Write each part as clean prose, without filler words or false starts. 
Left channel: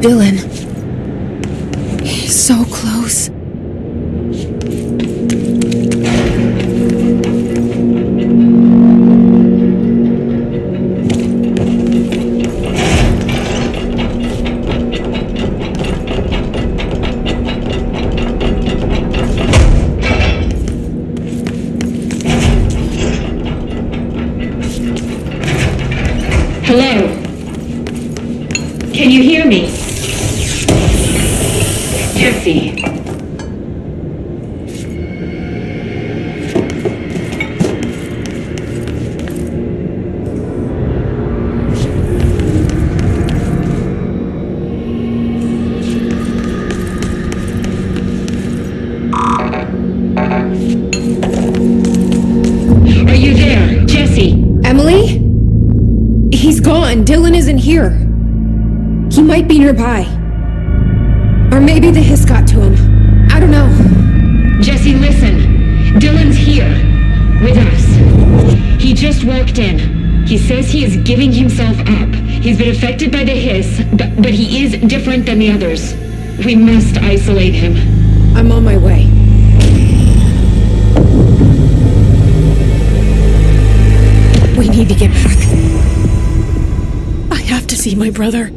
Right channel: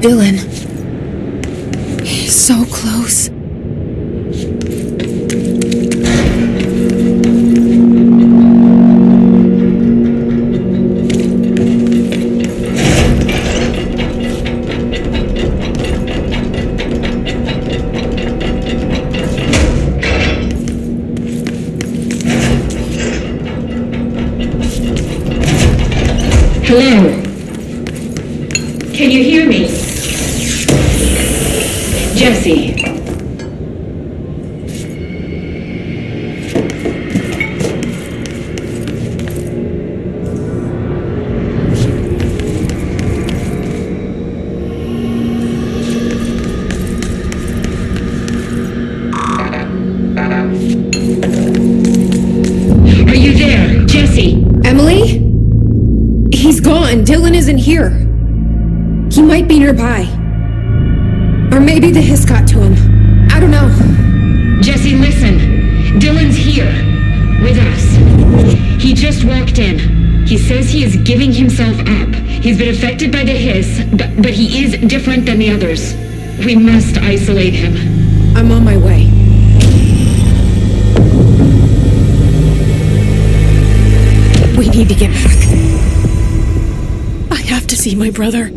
Dylan. He's so close. Hello? Can you hear me? Jesse. Are you there, Jesse? Emily? He's gone. Dylan isn't here. He might be nearby. Or maybe the hiss got to him. I don't know. Jesse, listen. Dylan's here. With us. He just walked in. He says he is giving himself up. He's been affected by the hiss, but he is different than the others. We must isolate him. I'm on my way. We need to get back. I have to see my brother.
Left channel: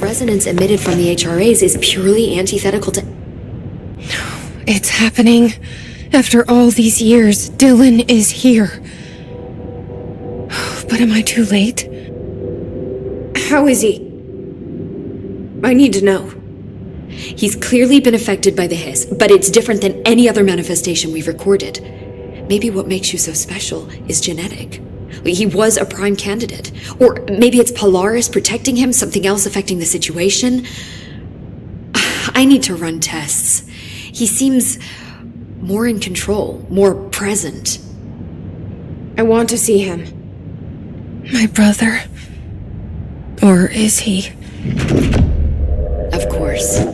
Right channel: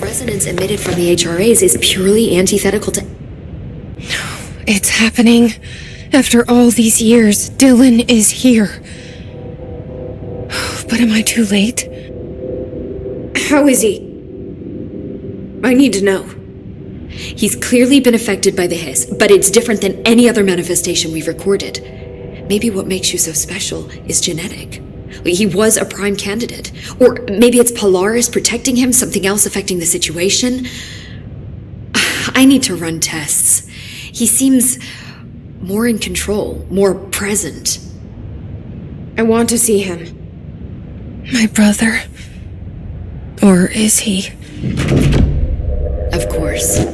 Resonance emitted from the HRAs is purely antithetical to... It's happening. After all these years, Dylan is here. But am I too late? How is he? I need to know. He's clearly been affected by the hiss, but it's different than any other manifestation we've recorded. Maybe what makes you so special is genetic. He was a prime candidate. Or maybe it's Polaris protecting him, something else affecting the situation. I need to run tests. He seems more in control, more present. I want to see him. My brother. Or is he? Of course.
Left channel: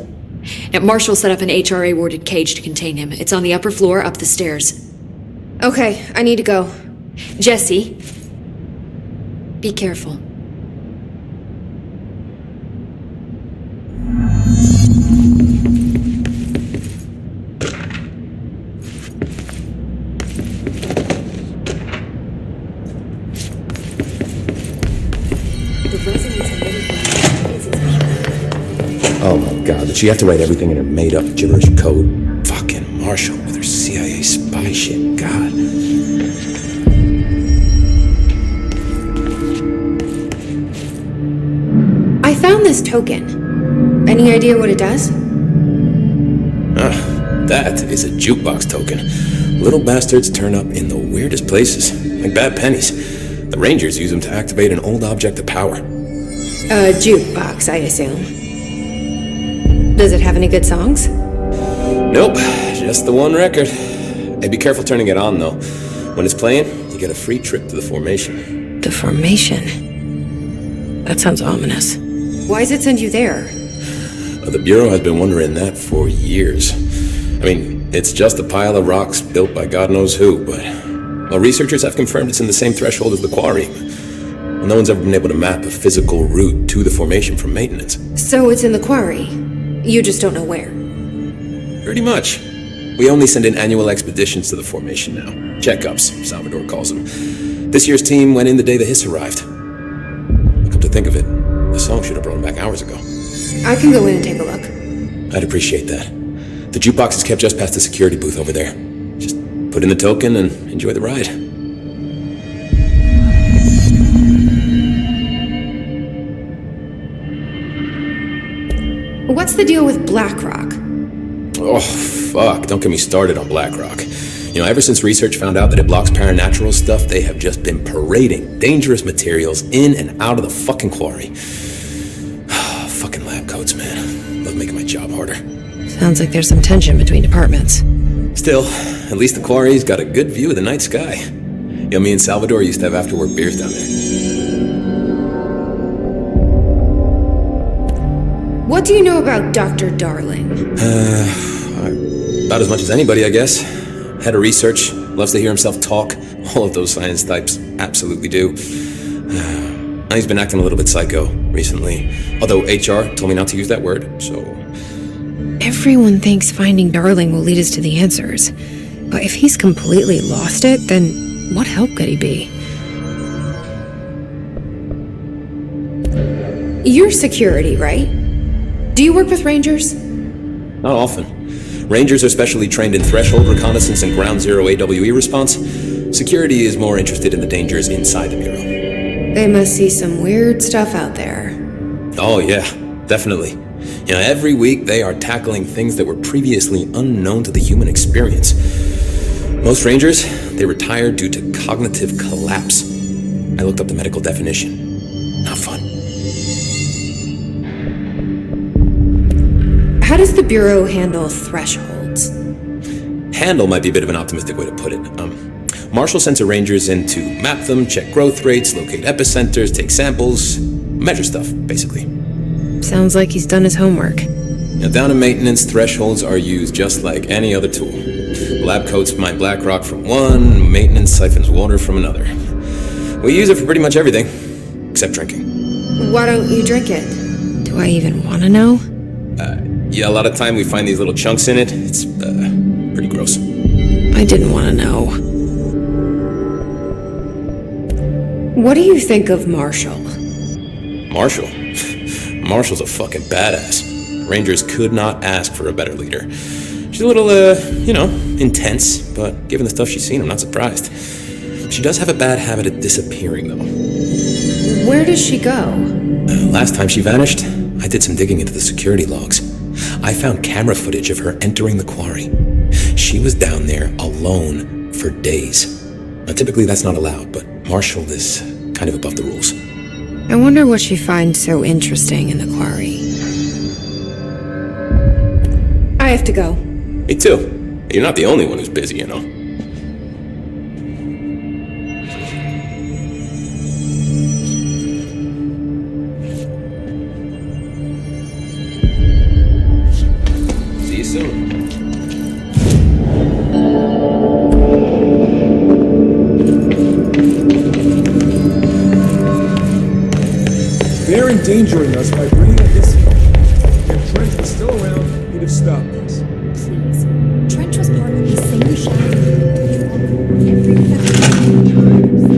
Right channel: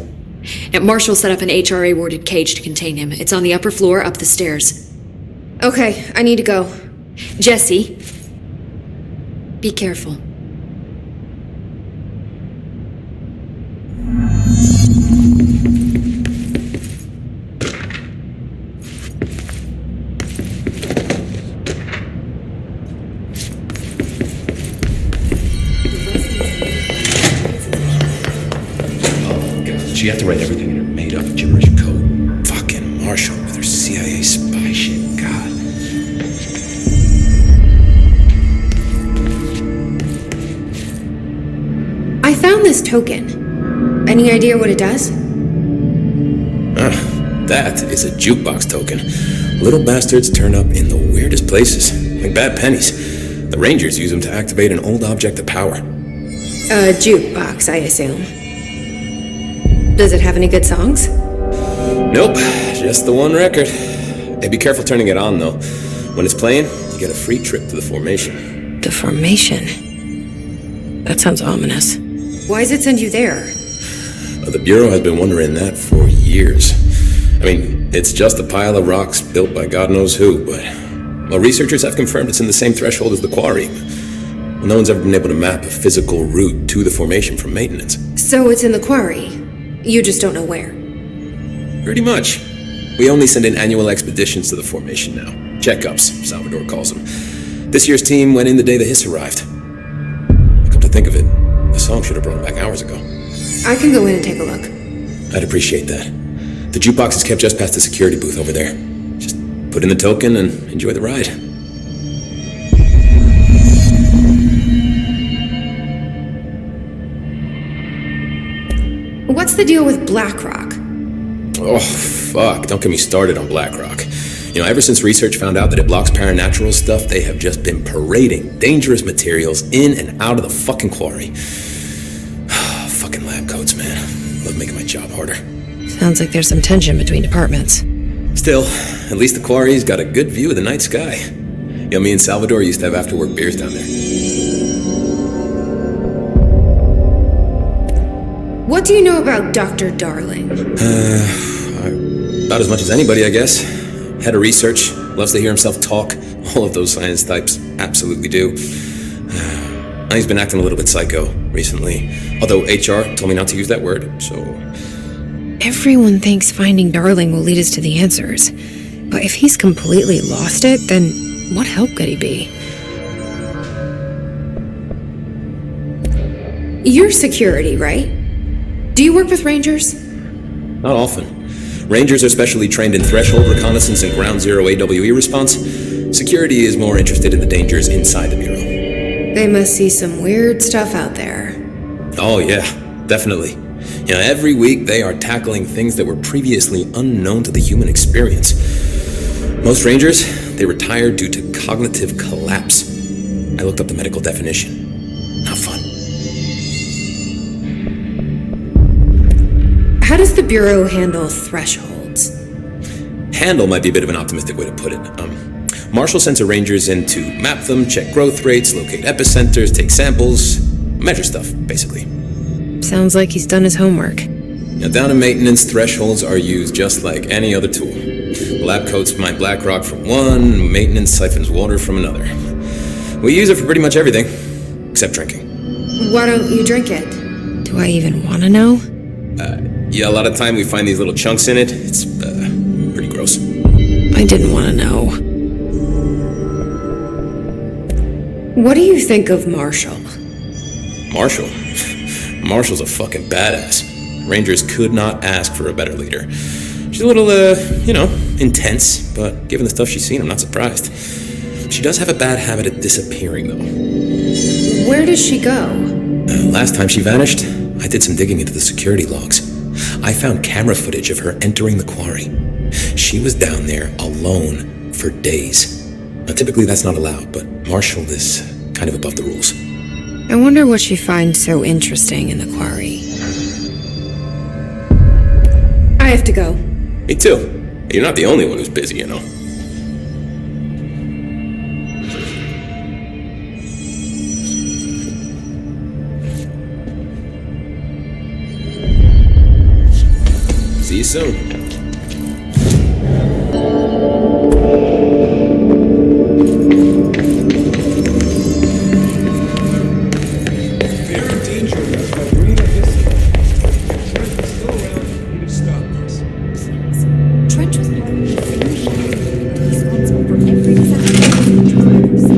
Now, Marshall set up an HRA-warded cage to contain him. It's on the upper floor, up the stairs. Okay, I need to go. Jesse, be careful. Oh my god, did she have to write everything in her made-up gibberish code? Fucking Marshall with her CIA spy shit, god. I found this token. Any idea what it does? That is a jukebox token. Little bastards turn up in the weirdest places, like bad pennies. The Rangers use them to activate an old object of power. A jukebox, I assume. Does it have any good songs? Nope, just the one record. Hey, be careful turning it on, though. When it's playing, you get a free trip to the formation. The formation? That sounds ominous. Why does it send you there? The Bureau has been wondering that for years. I mean, it's just a pile of rocks built by God knows who, but... Well, researchers have confirmed it's in the same threshold as the quarry. Well, no one's ever been able to map a physical route to the formation from maintenance. So it's in the quarry. You just don't know where. Pretty much. We only send in annual expeditions to the formation now. Checkups, Salvador calls them. This year's team went in the day the hiss arrived. Come to think of it, the song should have brought him back hours ago. I can go in and take a look. I'd appreciate that. The jukebox is kept just past the security booth over there. Just put in the token and enjoy the ride. What's the deal with BlackRock? Oh, fuck. Don't get me started on BlackRock. You know, ever since research found out that it blocks paranatural stuff, they have just been parading dangerous materials in and out of the fucking quarry. Fucking lab coats, man. Love making my job harder. Sounds like there's some tension between departments. Still, at least the quarry's got a good view of the night sky. You know, me and Salvador used to have after-work beers down there. What do you know about Dr. Darling? About as much as anybody, I guess. Head of research, loves to hear himself talk. All of those science types absolutely do. He's been acting a little bit psycho recently. Although HR told me not to use that word, so... Everyone thinks finding Darling will lead us to the answers. But if he's completely lost it, then what help could he be? You're security, right? Do you work with Rangers? Not often. Rangers are specially trained in threshold reconnaissance and ground zero AWE response. Security is more interested in the dangers inside the Bureau. They must see some weird stuff out there. Oh yeah, definitely. You know, every week they are tackling things that were previously unknown to the human experience. Most Rangers, they retire due to cognitive collapse. I looked up the medical definition. Not fun. How does the Bureau handle thresholds? Handle might be a bit of an optimistic way to put it. Marshall sends her Rangers in to map them, check growth rates, locate epicenters, take samples, measure stuff, basically. Sounds like he's done his homework. Now, down in maintenance, thresholds are used just like any other tool. The lab coats mine black rock from one, maintenance siphons water from another. We use it for pretty much everything, except drinking. Why don't you drink it? Do I even want to know? Yeah, a lot of time we find these little chunks in it. It's, pretty gross. I didn't want to know. What do you think of Marshall? Marshall? Marshall's a fucking badass. Rangers could not ask for a better leader. She's a little, intense, but given the stuff she's seen, I'm not surprised. She does have a bad habit of disappearing, though. Where does she go? Last time she vanished, I did some digging into the security logs. I found camera footage of her entering the quarry. She was down there alone for days. Now, typically that's not allowed, but Marshall is kind of above the rules. I wonder what she finds so interesting in the quarry. I have to go. Me too. You're not the only one who's busy, you know. See you soon. They're endangering us by bringing this here. Trench is still around, he would have stopped us. Please. Trench was part of the same ship. Responsible for everything.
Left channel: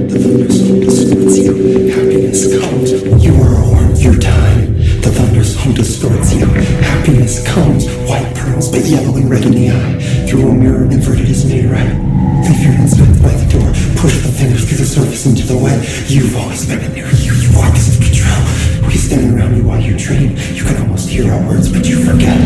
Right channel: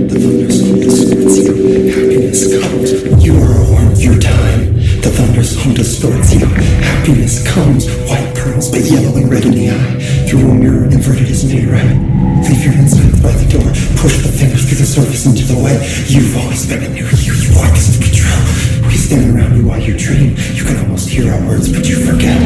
The Thunder's Hole escorts you. Happiness comes. You are armed your time. The Thunder's Hole home distorts you. Happiness comes, white pearls, but yellow and red in the eye. Through a mirror, inverted is made right. Leave your hands back by the door. Push the fingers through the surface into the wet. You've always been a new you. You want us to be true. We stand around you while you dream. You can almost hear our words, but you forget.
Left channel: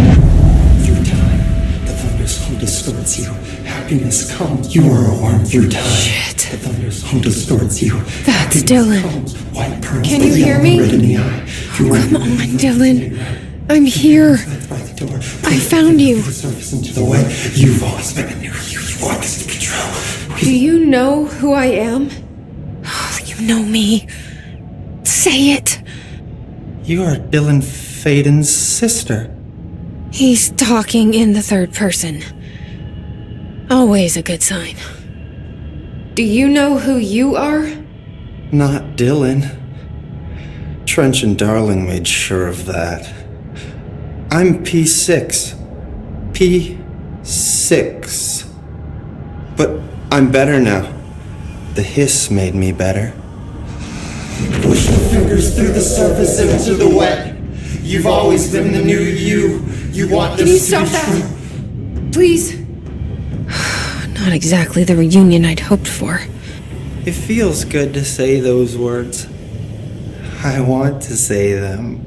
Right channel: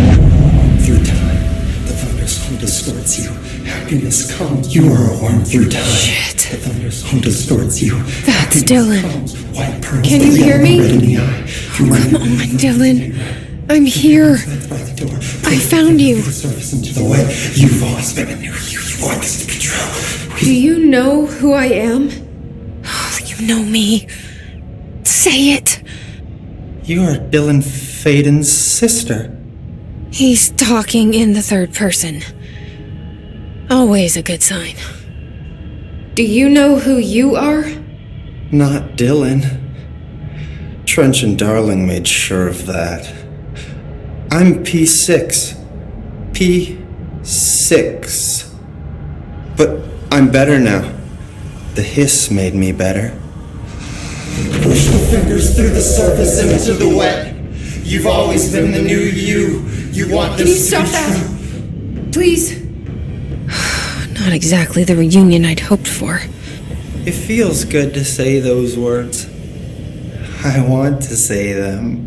Through time, the thunderstorm distorts you. Happiness comes. You are a worm through time. Shit. The thunderstorm distorts you. That's Dylan. Comes, white pearls, Can but you hear yellow me? and red in the eye. Come on, Dylan. I'm here. I found you. Into the way. You've always been a new you. You want this to be true. Do you know who I am? You know me. Say it. You are Dylan Faden's sister. He's talking in the third person. Always a good sign. Do you know who you are? Not Dylan. Trench and Darling made sure of that. I'm P6. P6. But I'm better now. The hiss made me better. Push the fingers through the surface into the wet. You've always been the new you. You want Can this you to stop be that? true. Please. Not exactly the reunion I'd hoped for. It feels good to say those words. I want to say them.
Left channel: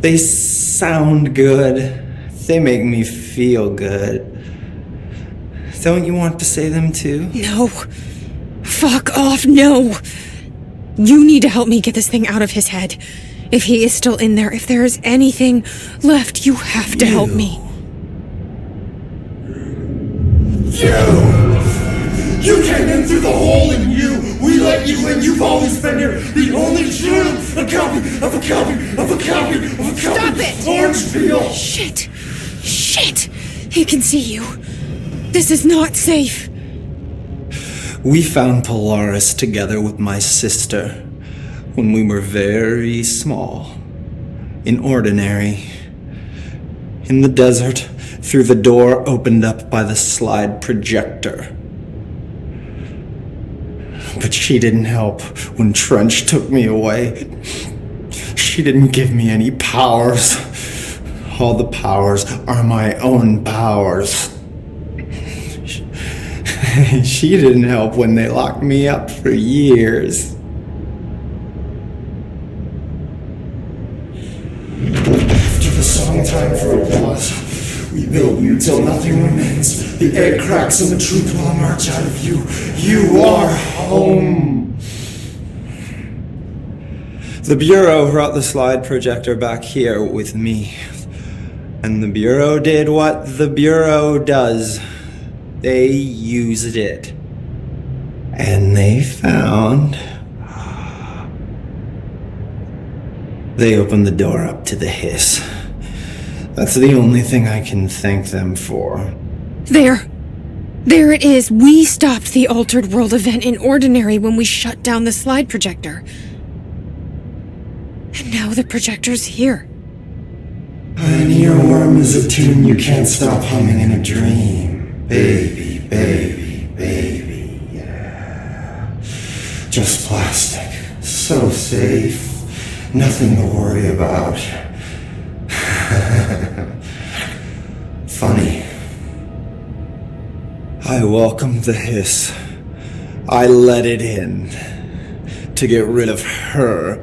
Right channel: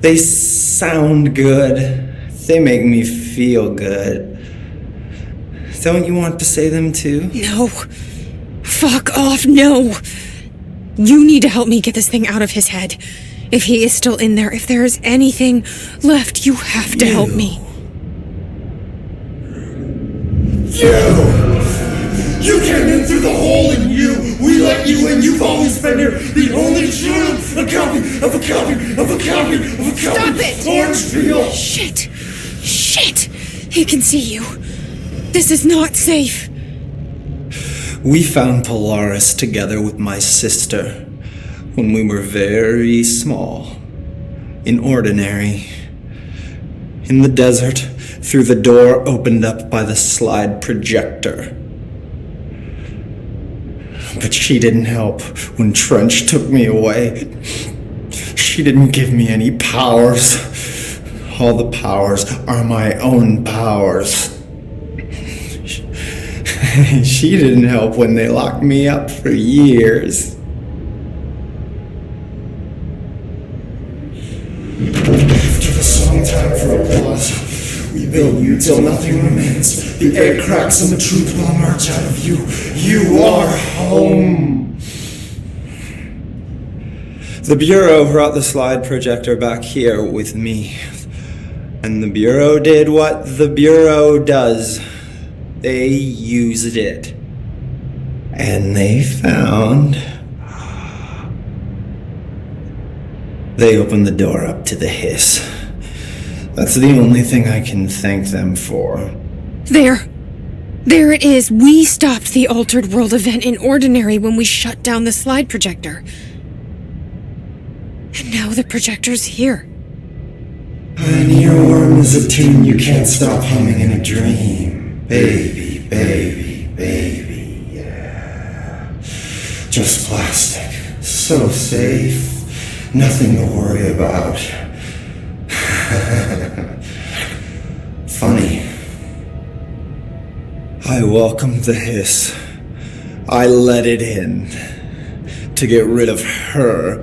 They sound good. They make me feel good. Don't you want to say them too? No. Fuck off, no. You need to help me get this thing out of his head. If he is still in there, if there is anything left, you have to help me. You came in through the hole in you. We let you in. You've always been here. The only true. A copy of a copy of a copy of a copy. Stop it! Orange peel. Shit. Shit. He can see you. This is not safe. We found Polaris together with my sister when we were very small. In Ordinary. In the desert, through the door opened up by the slide projector. But she didn't help when Trench took me away. She didn't give me any powers. All the powers are my own powers. She didn't help when they locked me up for years. After the song, time for applause. We build you till nothing remains. The egg cracks and the truth will emerge out of you. You are home. The Bureau brought the slide projector back here with me. And the Bureau did what the Bureau does. They used it. And they found... They opened the door up to the hiss. That's the only thing I can thank them for. There. There it is. We stopped the Altered World event in Ordinary when we shut down the slide projector. And now the projector's here. An earworm is a tune you can't stop humming in a dream. Baby, baby, baby, yeah. Just plastic. So safe. Nothing to worry about. Funny. I welcomed the hiss. I let it in. To get rid of her.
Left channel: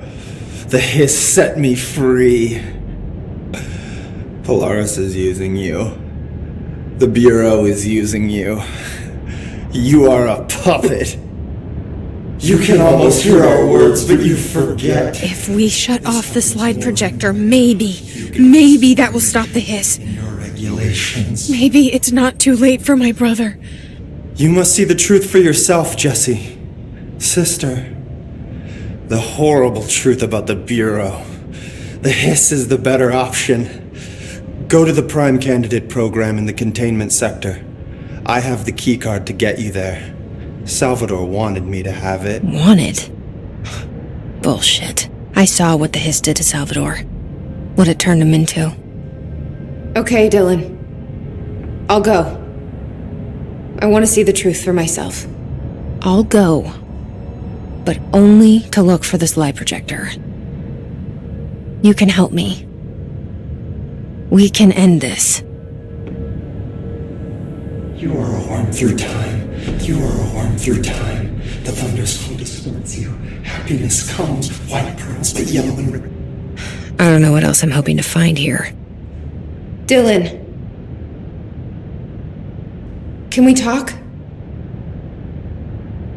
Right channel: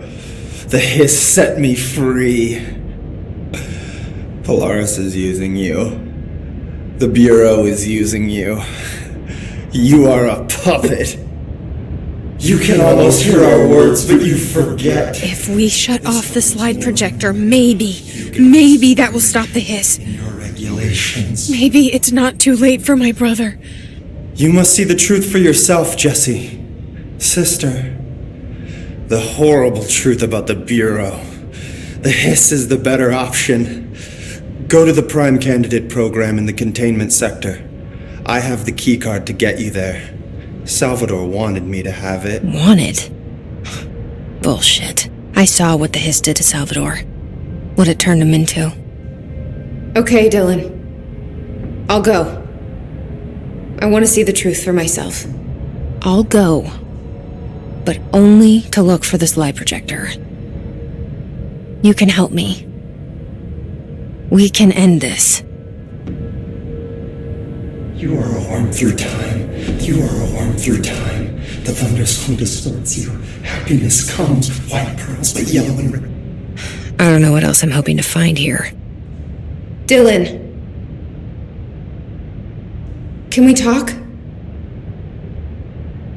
The hiss set me free. Polaris is using you. The Bureau is using you. You are a puppet. You can almost hear our words, but you forget. If we shut off the slide projector, maybe that will stop the hiss. In your regulations. Maybe it's not too late for my brother. You must see the truth for yourself, Jesse. Sister. The horrible truth about the Bureau. The hiss is the better option. Go to the Prime Candidate program in the containment sector. I have the keycard to get you there. Salvador wanted me to have it. Wanted? Bullshit. I saw what the hiss did to Salvador. What it turned him into. Okay, Dylan. I'll go. I want to see the truth for myself. I'll go. But only to look for the slide projector. You can help me. We can end this. You are a worm through time. You are a worm through time. The thunderstorm distorts you. Happiness comes, white pearls, but yellow and red. I don't know what else I'm hoping to find here. Dylan. Can we talk?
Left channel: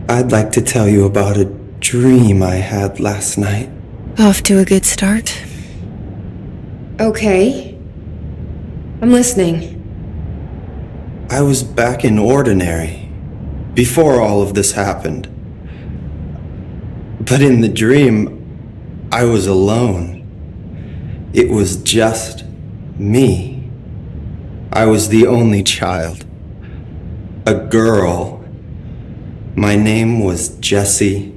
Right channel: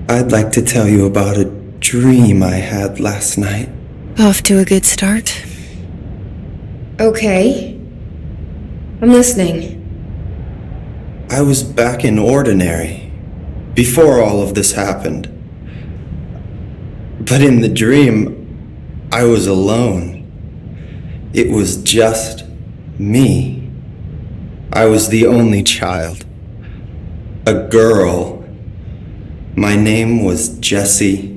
I'd like to tell you about a dream I had last night. Off to a good start. Okay. I'm listening. I was back in Ordinary, before all of this happened. But in the dream, I was alone. It was just me. I was the only child. A girl. My name was Jesse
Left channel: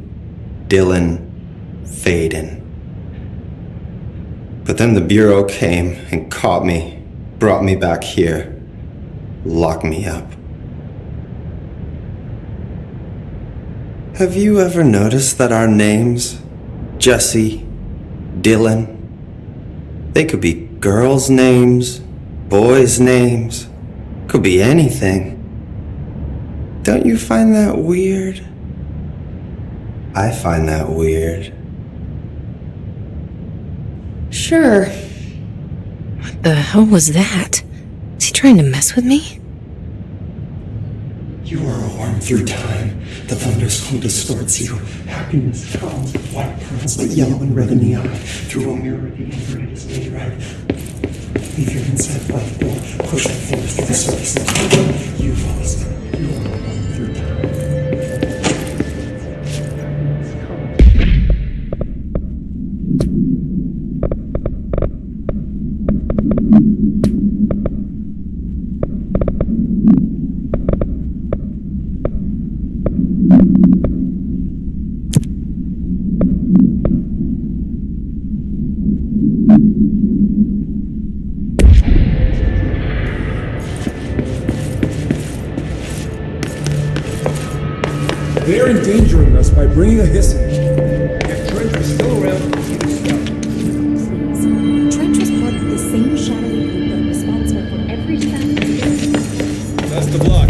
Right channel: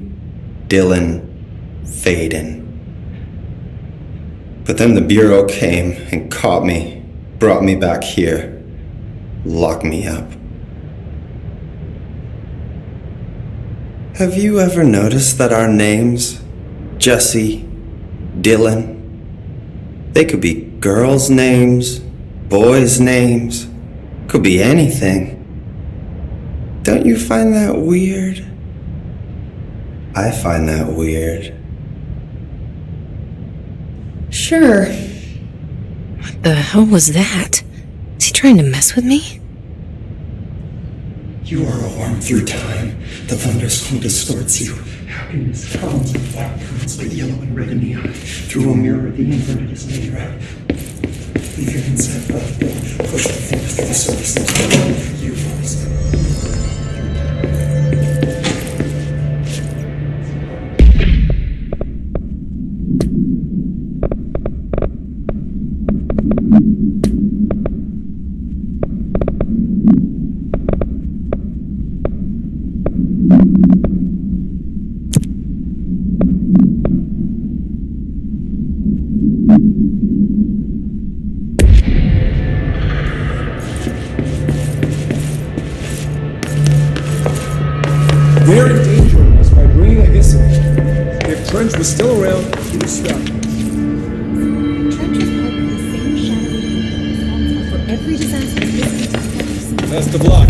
Dylan Faden. But then the Bureau came and caught me, brought me back here, locked me up. Have you ever noticed that our names, Jesse, Dylan, they could be girls' names, boys' names, could be anything. Don't you find that weird? I find that weird. Sure. What the hell was that? Is he trying to mess with me? You are a worm through time. The thunderstorm distorts you. Happiness comes with white pearls, but yellow and red in the eye. Through a mirror, the inverted is made right. Leave your inside by the door. Push the fingers through the surface into the way. You've always been. They're endangering us by bringing a hiss in. If Trench was still around, he would stop. Trench was part of the same shadow responsible for every disaster. Best of luck.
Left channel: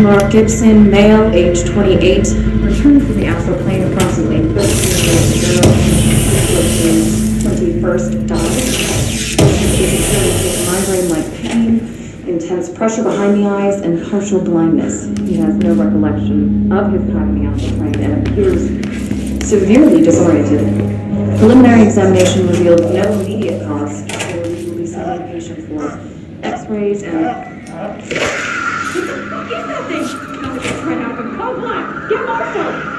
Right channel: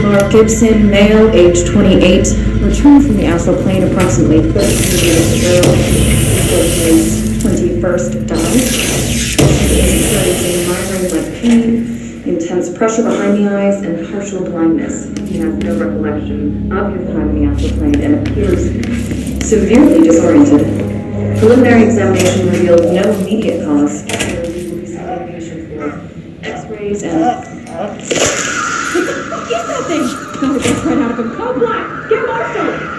Mark Gibson, male, age 28, returned from the astral plane approximately 13 minutes ago. With his 21st dive. Patient is experiencing migraine-like pain, intense pressure behind the eyes, and partial blindness. He has no recollection of his time in the astral plane and appears severely disoriented. Preliminary examination revealed no immediate cause, so we will be sending the patient for x-rays and... What the fuck is that thing? Got the best right out of him. Code black! Get Marshall!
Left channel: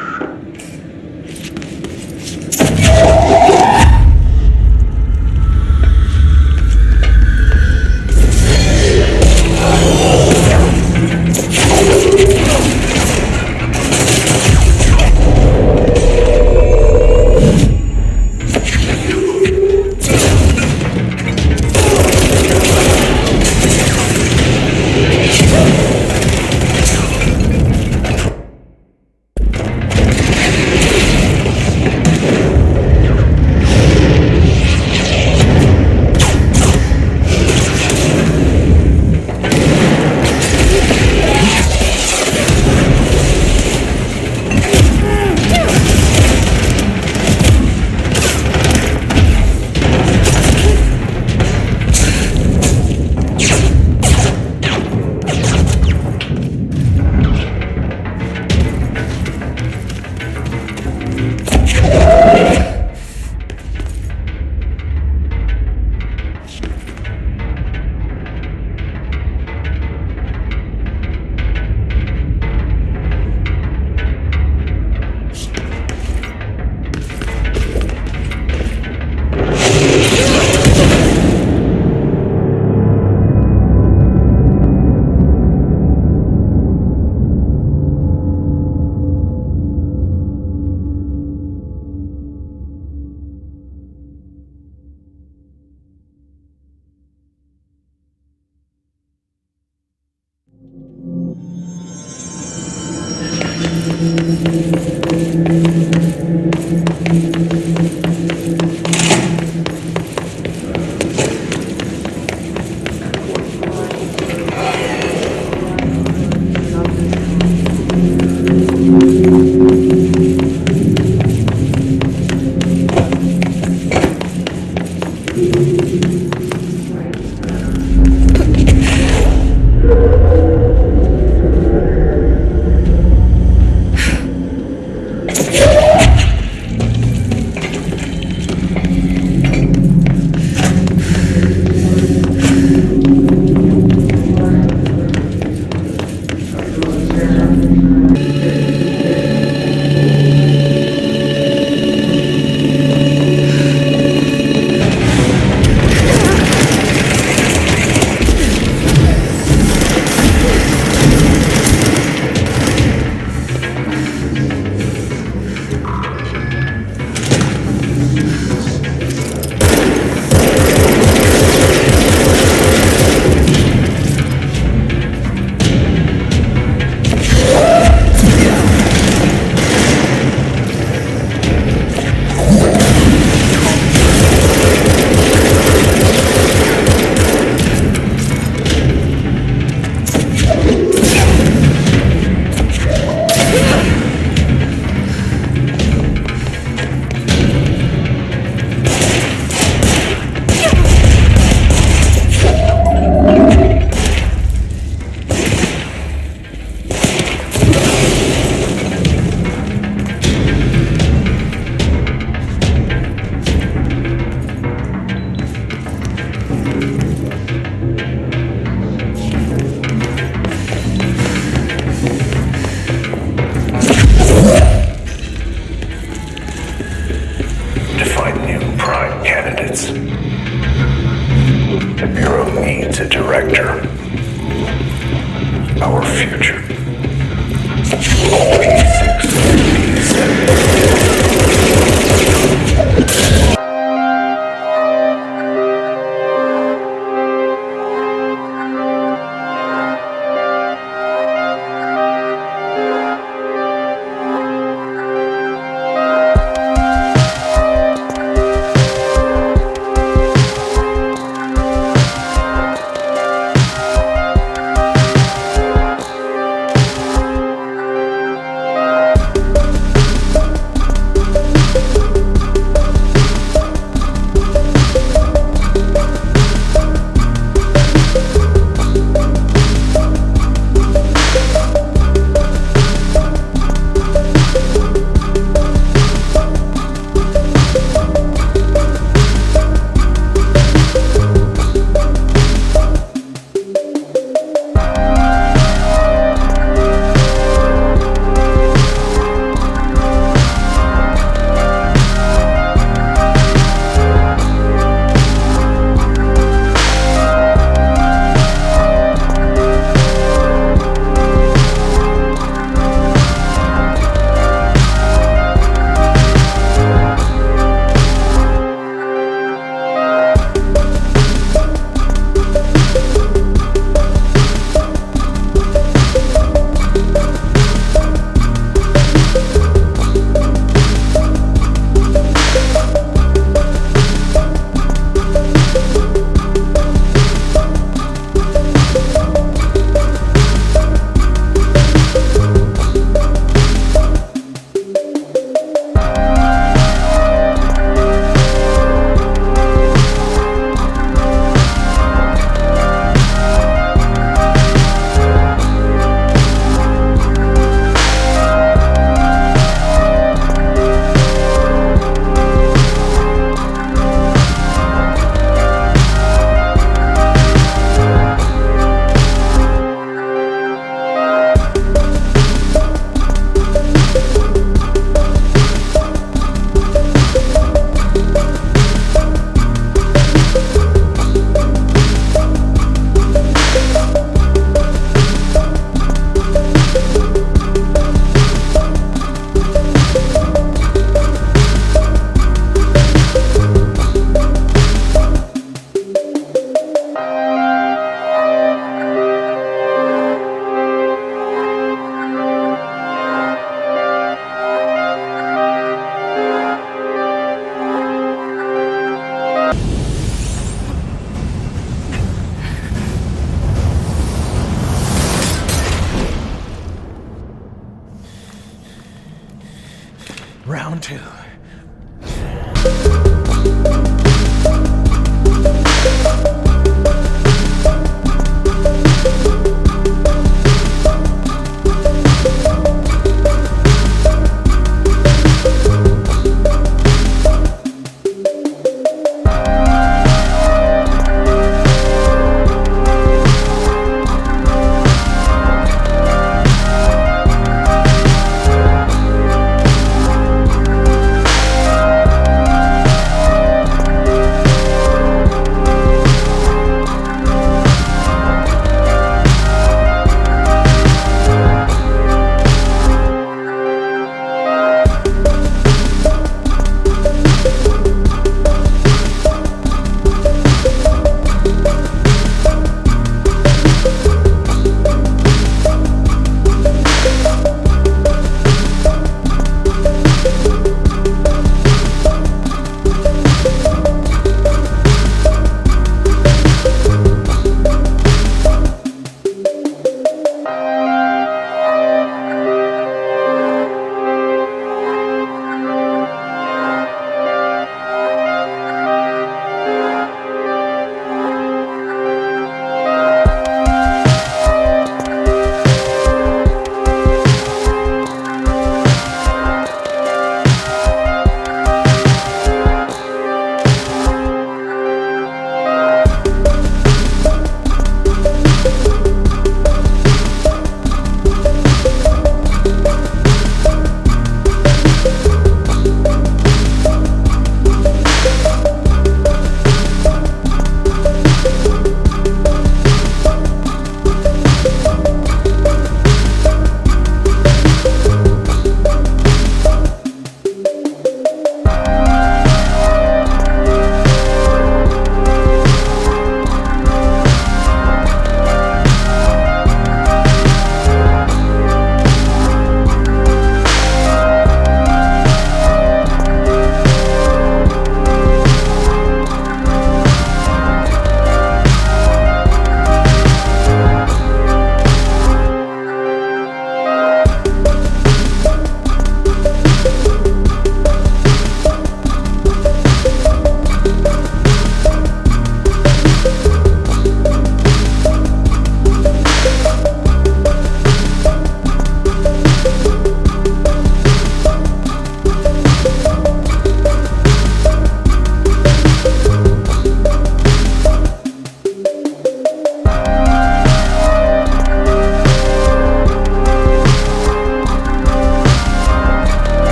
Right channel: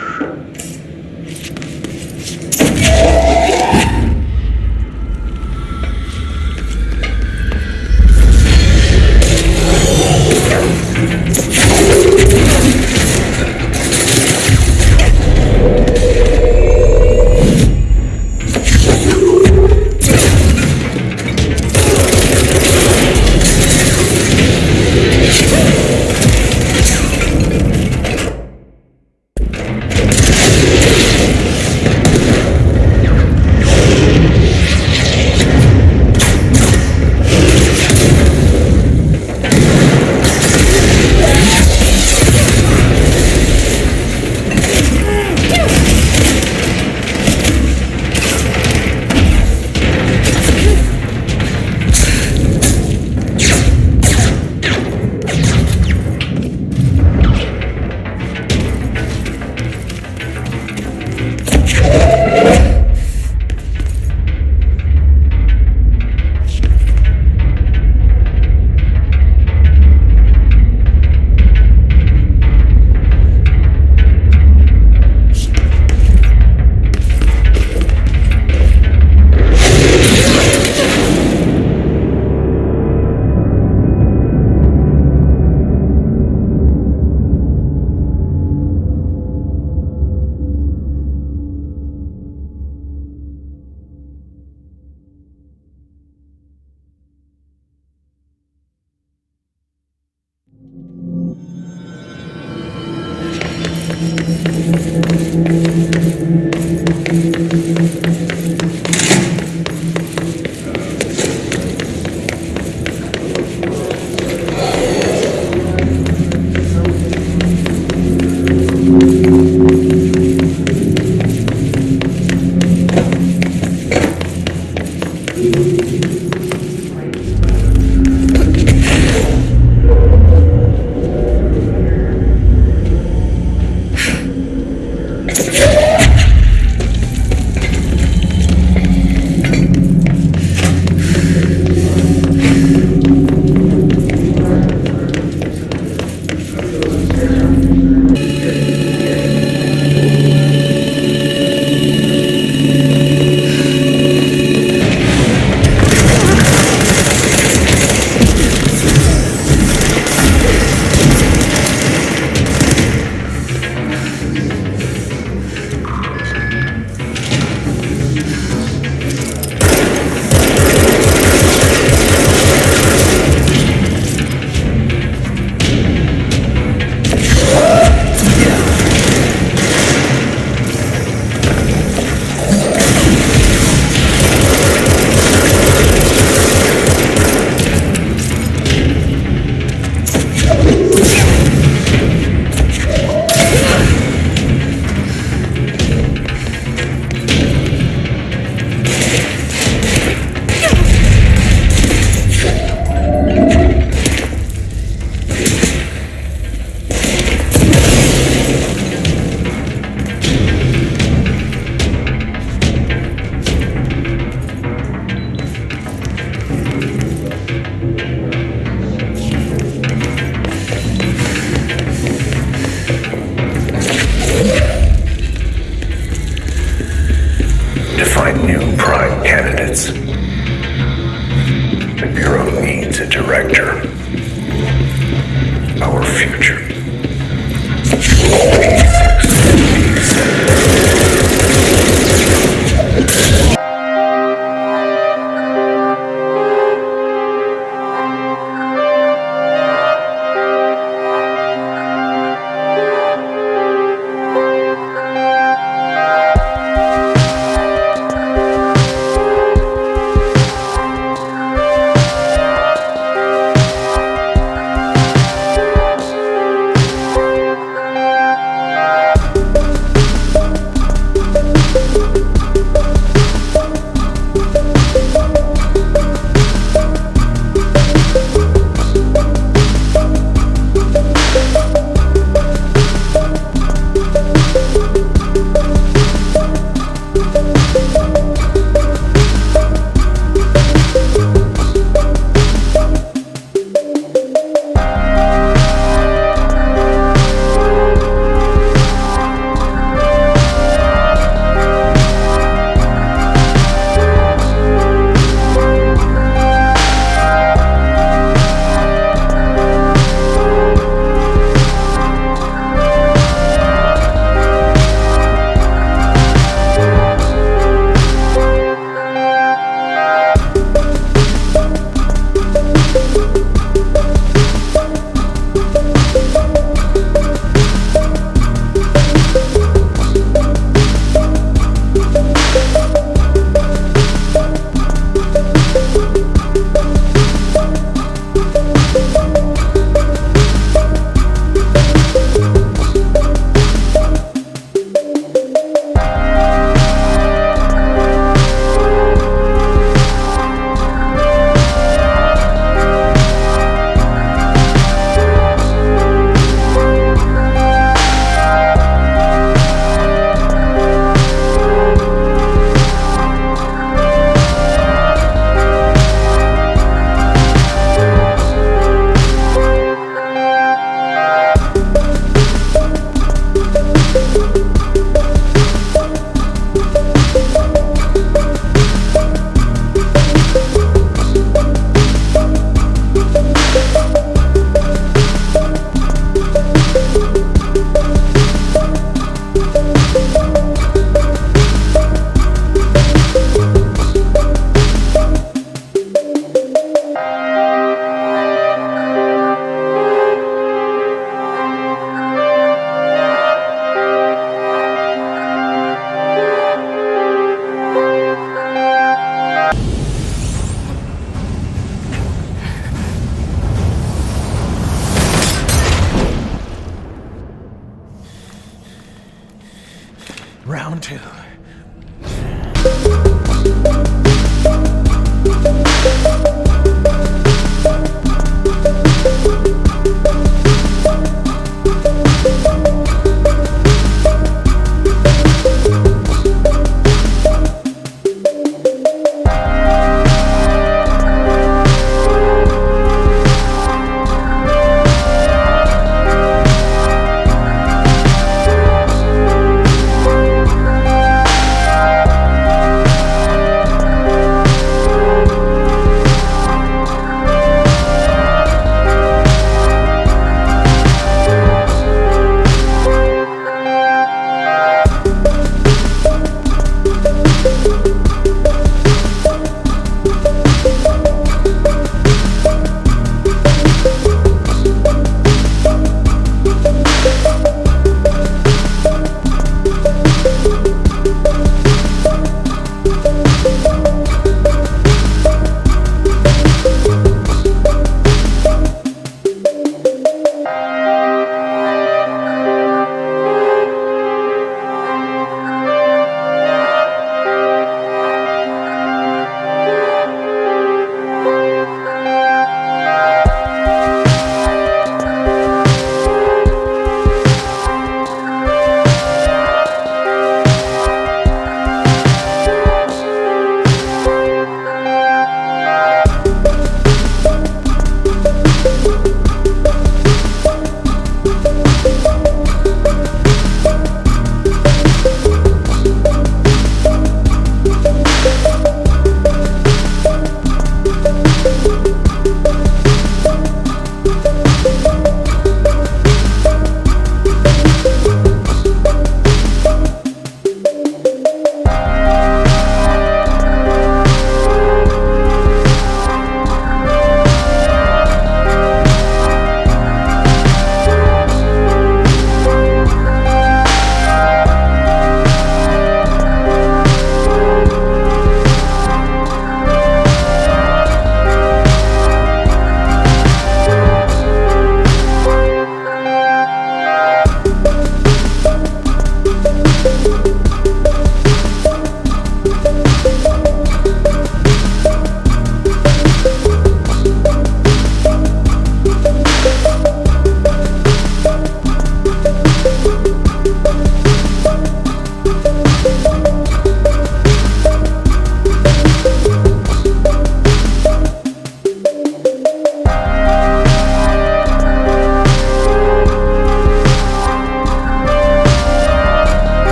The Bureau needs a director. Our future. P6, P7.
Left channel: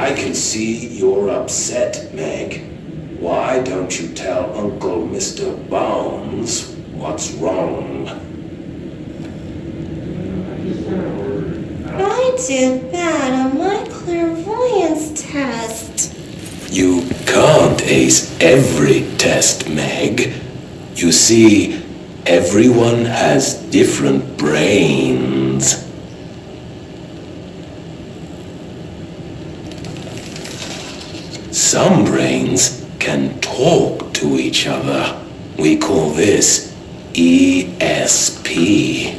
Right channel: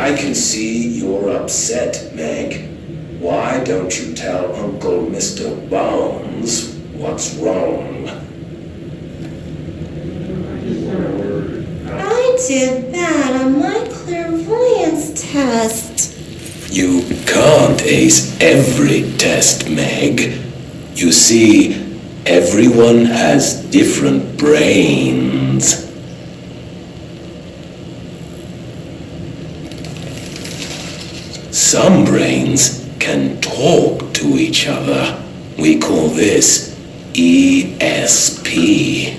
I can see you're upset, Meg. Why don't you tell Uncle Mr. Bones what's wrong? I did bad on my clairvoyance test. You can't ace every test, Meg. You see, everyone has different brains. Some brains can talk to each other. We call this ESP.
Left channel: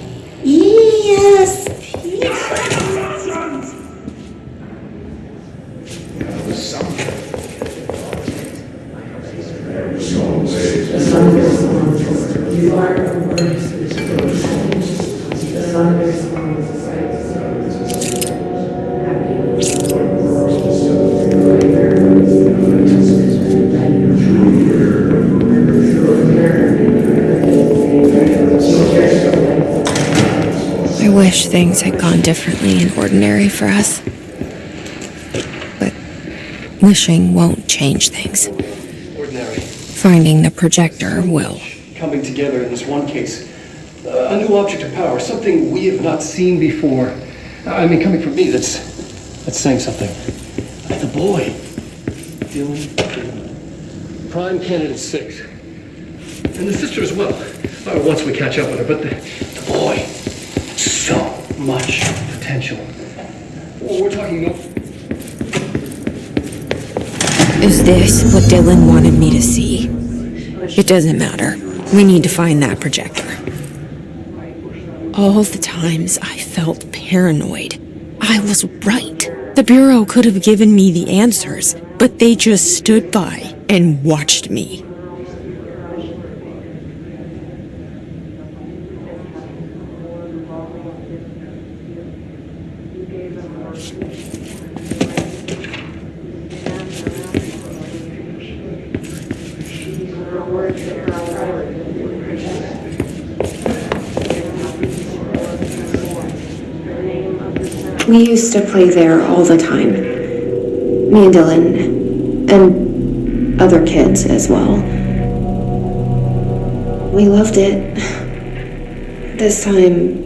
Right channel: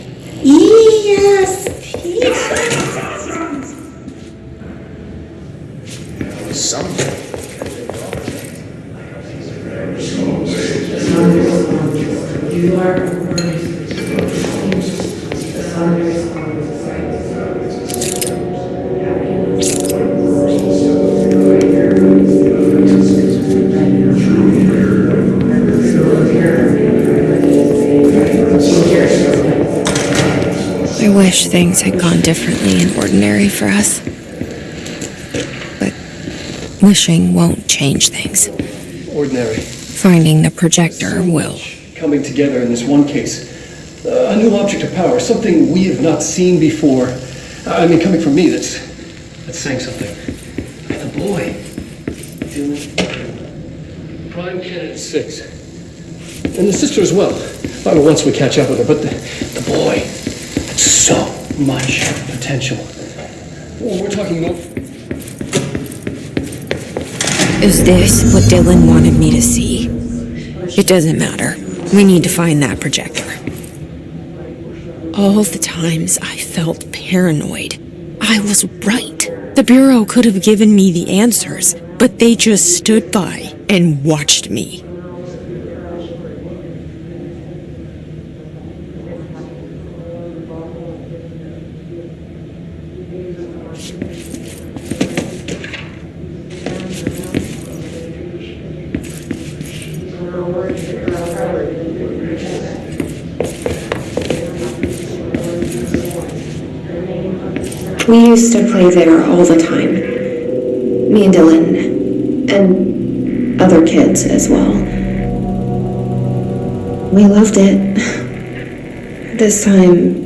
I wish things had gone differently in Ordinary for us. But wishing won't change things. Ordinary. Finding the projector will. Coming together in this one case. A new object of power, something we have not seen before. I mean, coming from me, that's saying something. And the boy, Dylan, prime candidate 6. And the sister as well. I mean, once we catch up with her, but the boy, so much potential. Well, we're talking more. Is this what Dylan wanted me to see? It doesn't matter. We need to find that projector. All the times I felt paranoid, I was right. The Bureau could have given me the answers, but they just stood by and watched me. We used to play there all the time. Me and Dylan, and other kids as well. We loved it. This time,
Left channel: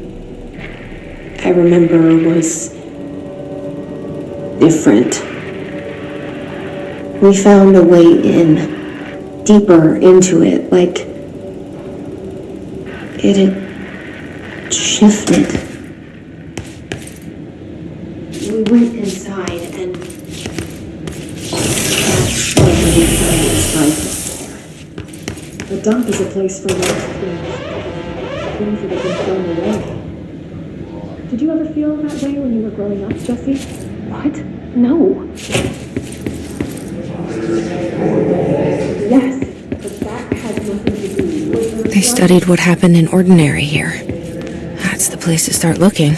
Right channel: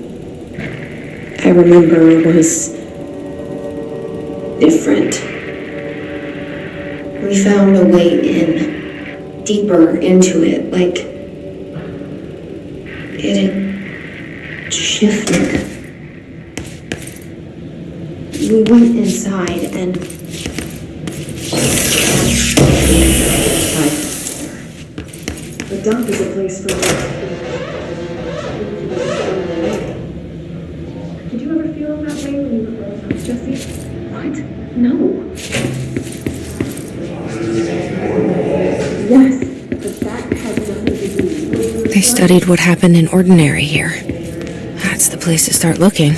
I remember, was different. We found a way in, deeper into it, like it had shifted. We went inside and that's where the dump is a place for Did you ever feel that way when you were growing up, Jesse? What? No. Yes, but that has nothing to do with... They studied what happened in Ordinary here. That's the place to start looking.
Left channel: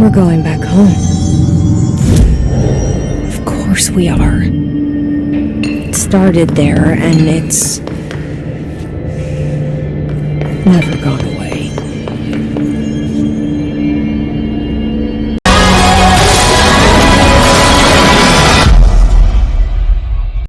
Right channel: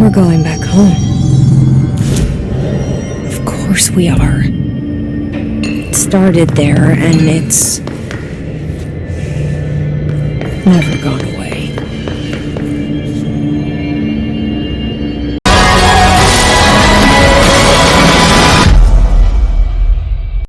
We're going back home. Of course we are. It started there, and it's never gone away.